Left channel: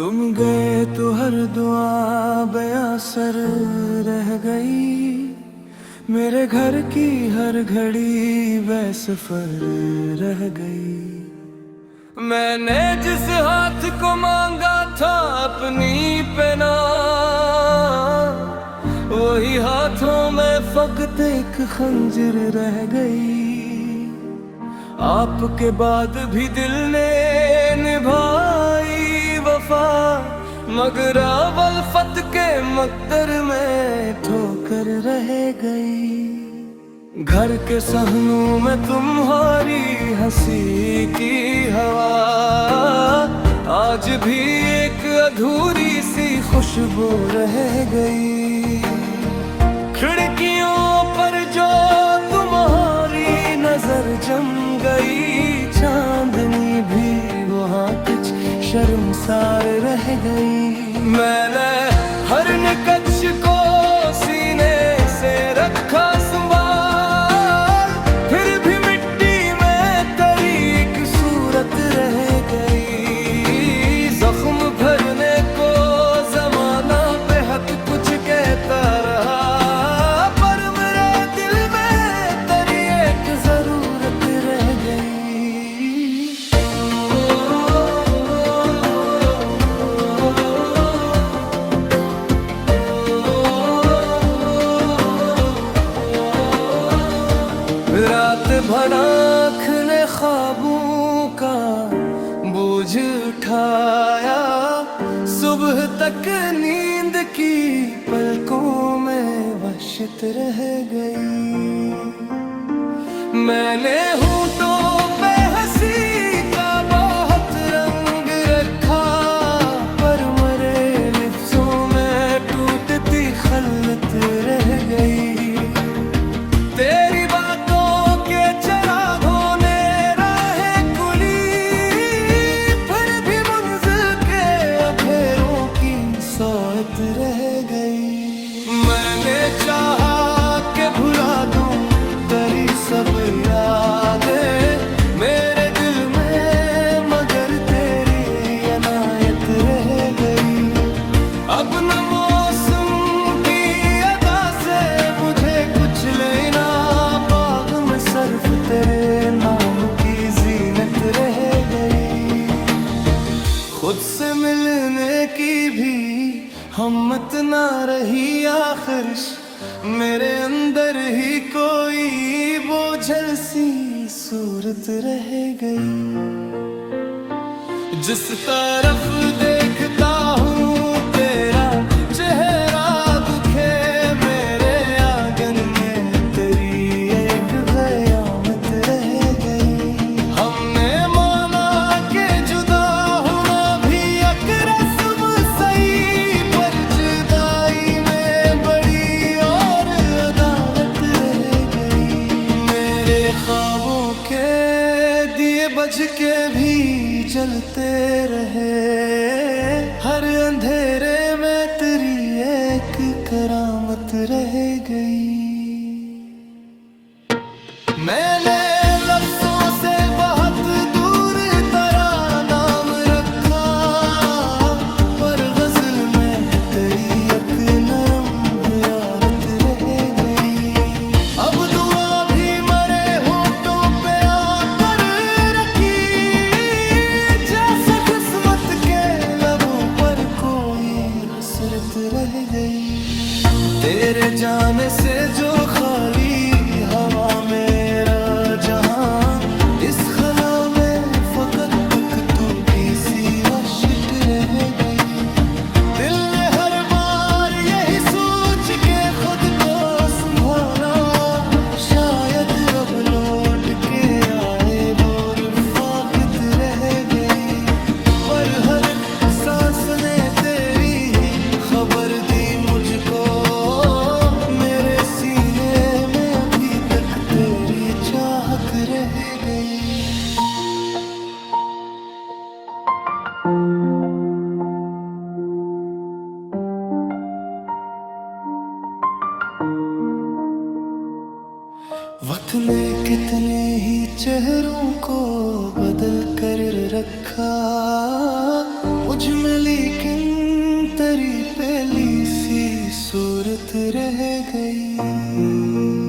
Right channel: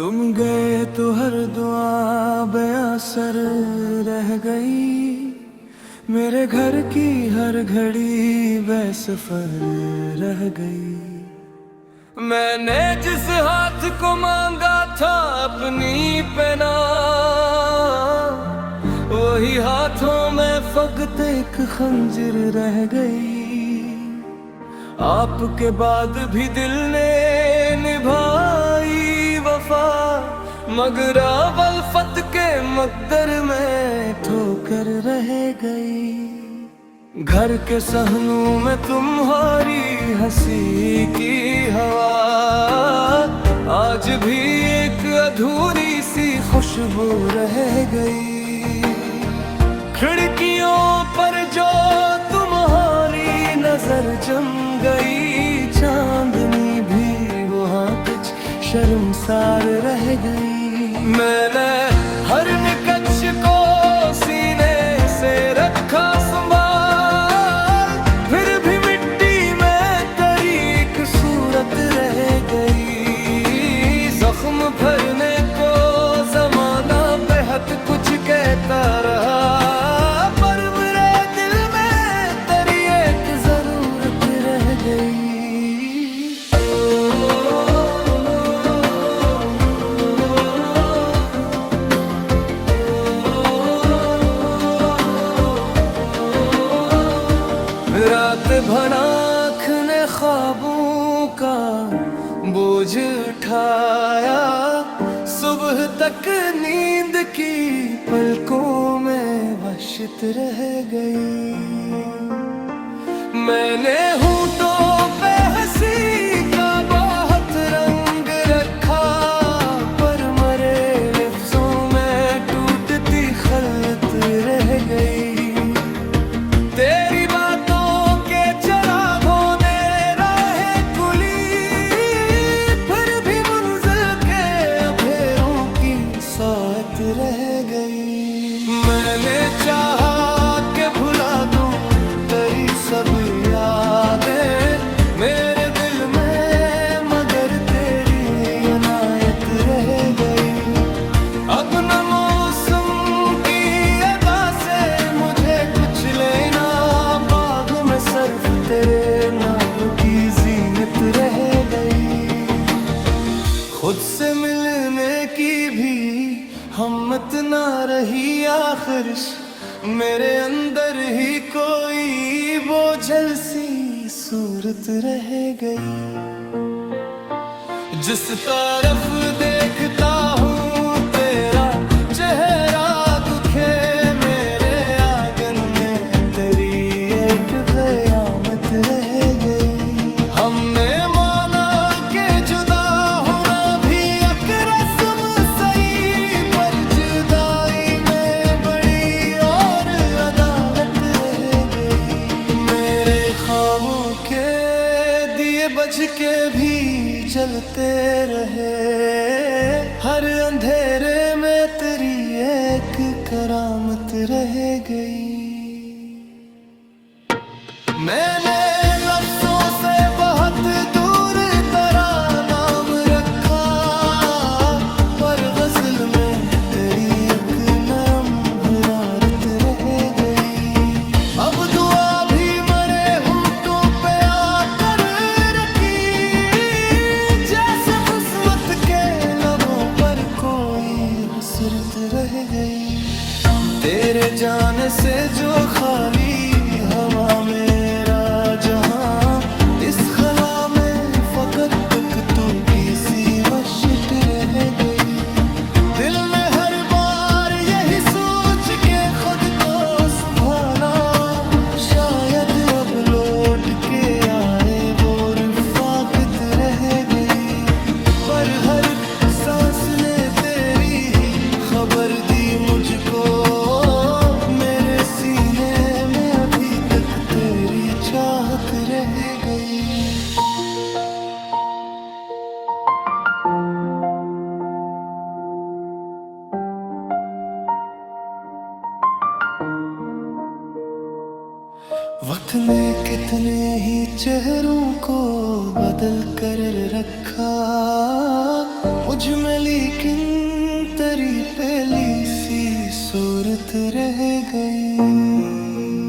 तुम गए तो हर दुआ बेअसर रह गई। मेरे घर की हर घड़ी बेसफर रह गई। मैंने जिस हाथ को मांगा था अपनी पना, वही हाथों में फकत एक खंजर रह गई। आपके बाद भी दिल ने निभाई वफा, मगर वल्फत के मकदर में ठोकर रह गई। घर के सहनों में तुम्हारी हंसी की हवा, आज भी एक अधूरी सी खुशबू रह गई। खिड़कियों पर जो तुम्हारी नजर जम गई, चांदनी भी वहाँ कुछ शर्मसार रह गई। मैंने हर निकच को सीने से रखा संभाल, फिर भी मिट्टी में तेरी एक सूरत रह गई। जख्म भरने को जमाना बेहद कुछ कहता रहा, पर मेरे दिल में तेरी एक जरूरत रह गई। रात भर आँख ने ख्वाबों का बोझ उठाया, सुबह तक नींद की पलकों में वहशत रह गई। मैंने होठों पे हंसी का बहुत रंग रखा, पर मरे लफ्जों में टूटती खलत रह गई। तेरी बातों के चरागों ने राहें खुली, फिर भी मंजिल के अफेरों की सोच रह गई। मैंने चाहा कि भुला दूं तेरी सब यादें मेरे दिल में, मगर तेरी अनायत रह गई। अब न मौसम की अदा से मुझे कुछ लेना, बाग में सिर्फ तेरे नाम की जीनत रह गई। खुद से मिलने की भी हिम्मत ना रही, आखिर मेरे अंदर ही कोई बोझल सी सूरत रह गई। जिस तरफ देखता हूँ तेरा चेहरा दुखे, मेरे आंगन में तेरी एक क़यामत रह गई। हमने माना कि जुदा होना भी एक रस्म सही, पर जुदाई में बड़ी और अदालत रह गई। मेरे ख्वाबों के दिए बज के भी जलते रहे, हर अंधेरे में तेरी एक करामत रह गई। मैंने लफ्जों से बहुत दूर तेरा नाम रखा, पर गजल में तेरी एक नरम हरारत रह गई। अब दुआ भी मरे होठों पे आकर रखी, जैसे किस्मत के लबों पर कोई हसरत रह गई। तेरे जाने से जो खाली हवा मेरा जहां, इस खला में फकत तक टूटी सी वहशत रह गई। दिल ने हर बार यही सोच के खुद को संभाला, शायद अब लौट के आए वो रफ़ाकत रह गई। पर हर सांस ने तेरी ही खबर दी मुझको, मेरे सीने में अभी तक तेरी चाहत रह गई। वक्त ने कितने ही चेहरों को बदल कर रखा, मुझ में लेकिन तेरी पहली सी सूरत रह गई।